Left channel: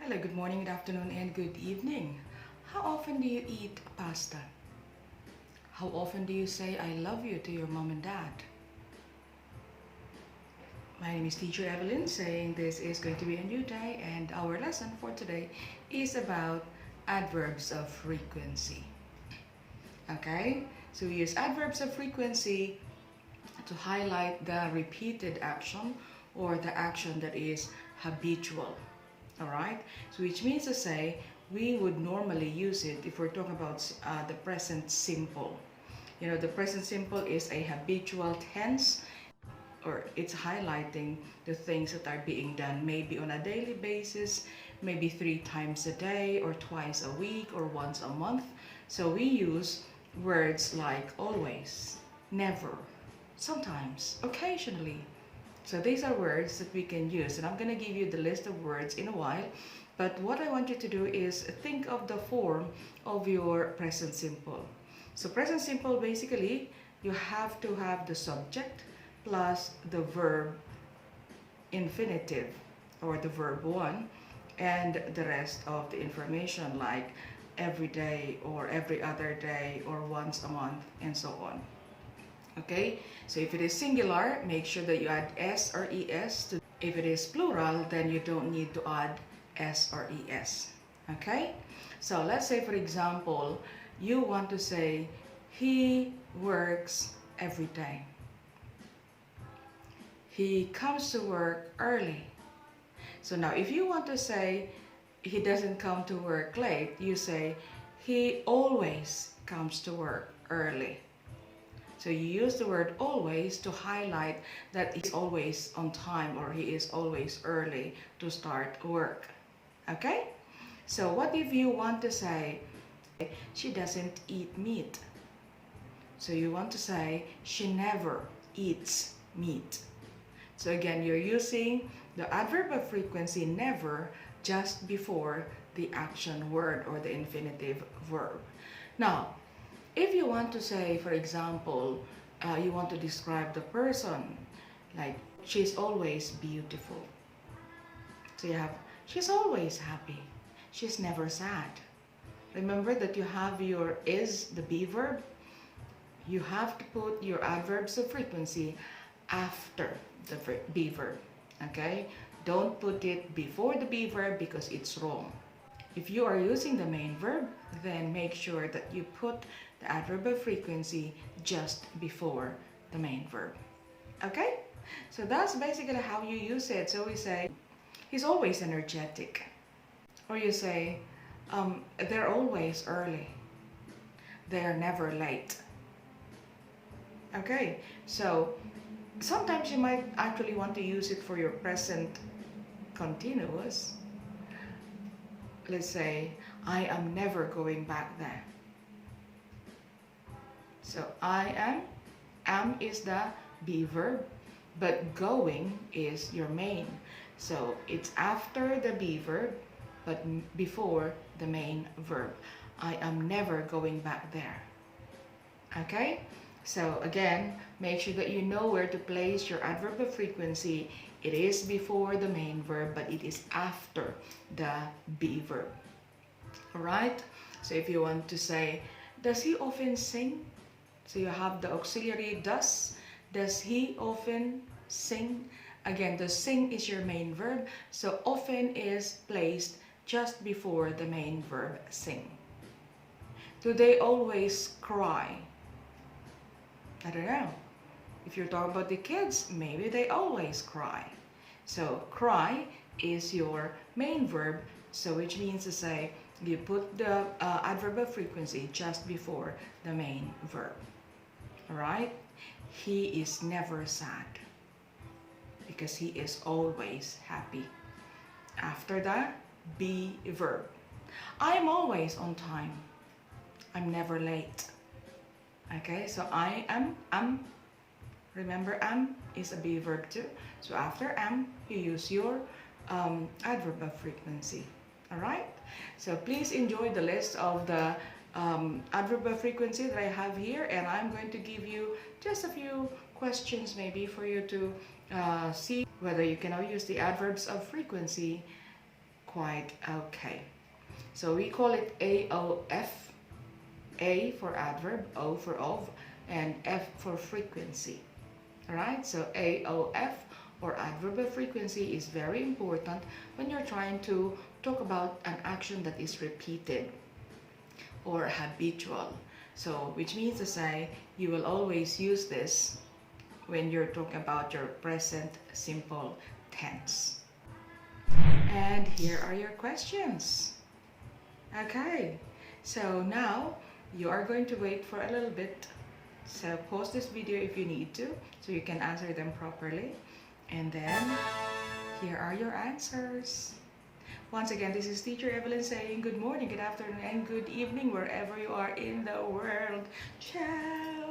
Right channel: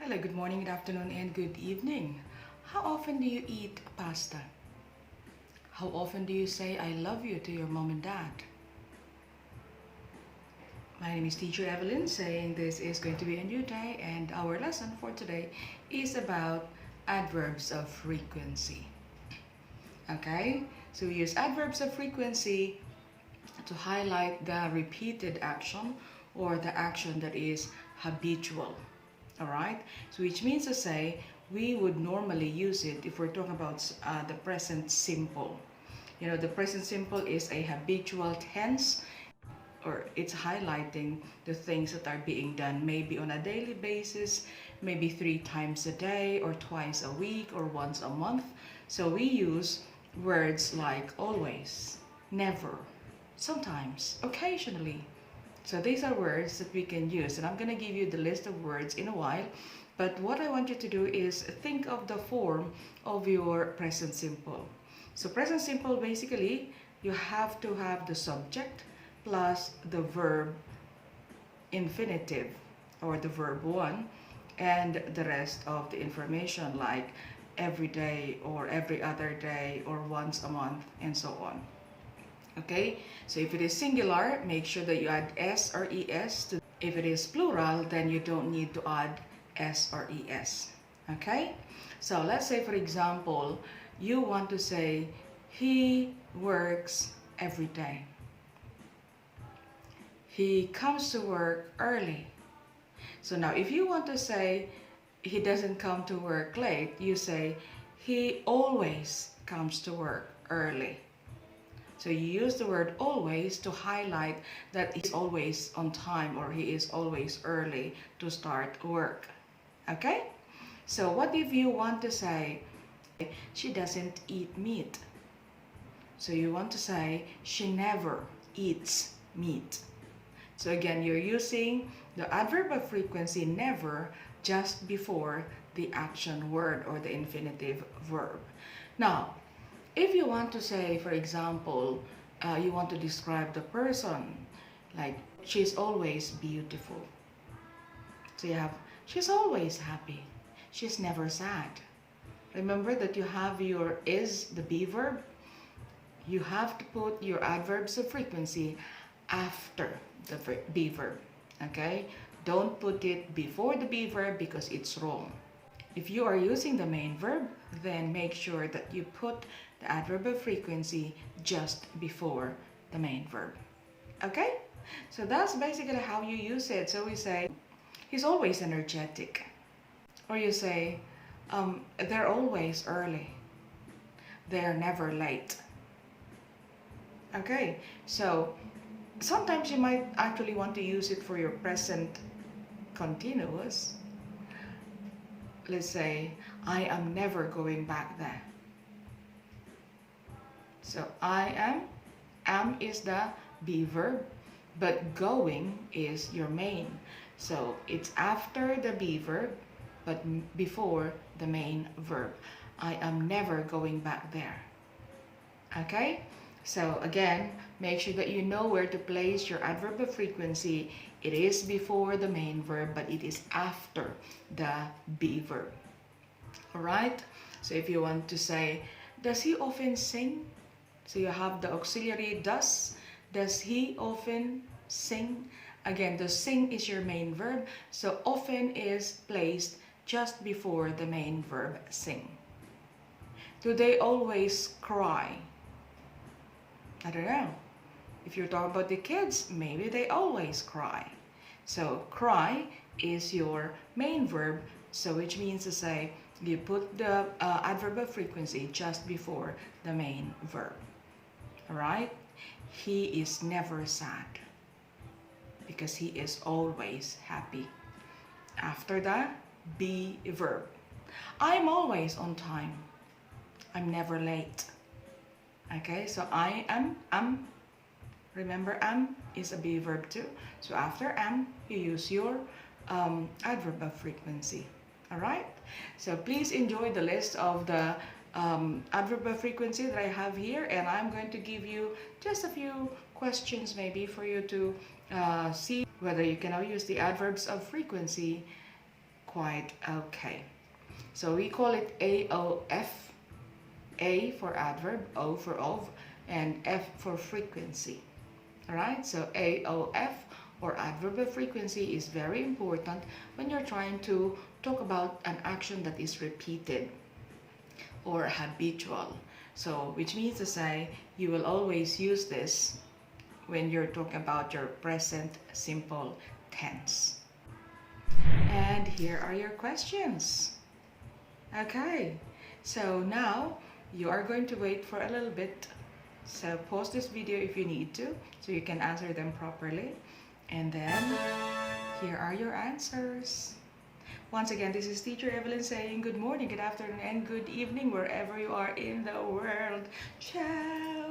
Hello, good morning, good afternoon, and good evening. How often do you eat pasta? How often do you say I love you to your mom and dad? My name is Teacher Evelyn, saying this is going to be a new day, and our lesson for today is about adverbs of frequency. Okay, so we use adverbs of frequency to highlight the repeated action or the action that is habitual. All right, so which means to say we would normally use it if we're talking about the present simple. You know, the present simple is a habitual tense, or it's highlighting the things that are being done maybe on a daily basis, maybe 3 times a day or twice a week or once a month. So we use words like always, never, sometimes, occasionally. So these are words that we can use, and I'm going to give you the list of words in a while. But what I want you to do is think of the form of your present simple. So present simple, basically, you have to have the subject plus the verb infinitive or the verb 1 and the rest of the information like every day or every other day or once a month and so on. Okay, so if it is singular, make sure that you add s or es. If it is plural, then you don't need to add s or es. Okay, so let's say, for example, you want to say he works every day. He comes to work early. So now if you want to say he doesn't come to work late, you say he always comes to work early. So you use the word always to highlight that he's always on time or he is always early to start work. Okay? So what if you want to say she doesn't eat meat? So you want to say she never eats meat. So again, you're using the adverb of frequency never just before the action word or the infinitive verb. Now, if you want to say, for example, you want to describe the person, like she's always beautiful. So you have, she's always happy. She's never sad. Remember that you have your is, the be verb. You have to put your adverbs of frequency after the be verb. Okay? Don't put it before the be verb because it's wrong. If you are using the main verb, then make sure that you put the adverb of frequency just before the main verb. Okay? So that's basically how you use it. So we say, he's always energetic. Or you say, they're always early. They're never late. Okay? So sometimes you might actually want to use it for your present continuous. Let's say, I am never going back there. So I am is the be verb, but going is your main. So it's after the be verb, but before the main verb. I am never going back there. Okay? So again, make sure that you know where to place your adverb of frequency. It is before the main verb, but it is after the be verb. Alright? So if you want to say, does he often sing? So you have the auxiliary does. Does he often sing? Again, the sing is your main verb. So often is placed just before the main verb sing. Do they always cry? I don't know. If you're talking about the kids, maybe they always cry. So cry is your main verb. So which means to say you put the adverb of frequency just before the main verb. Alright? He is never sad because he is always happy. After that, be verb. I'm always on time. I'm never late. Okay, so I am. Remember, am is a be verb too. So after am, you use your adverb of frequency. Alright? So please enjoy the list of the adverb of frequency that I have here, and I'm going to give you just a few questions maybe for you to see whether you can now use the adverbs of frequency quite okay. So we call it AOF. A for adverb, O for of, and F for frequency. Alright, so AOF or adverb of frequency is very important when you're trying to talk about an action that is repeated or habitual. So, which means to say, you will always use this when you're talking about your present simple tense. And here are your questions. Okay, so now you are going to wait for a little bit. So pause this video if you need to, so you can answer them properly. And then here are your answers. Once again, this is Teacher Evelyn saying good morning, good afternoon, and good evening wherever you are in the world. Ciao!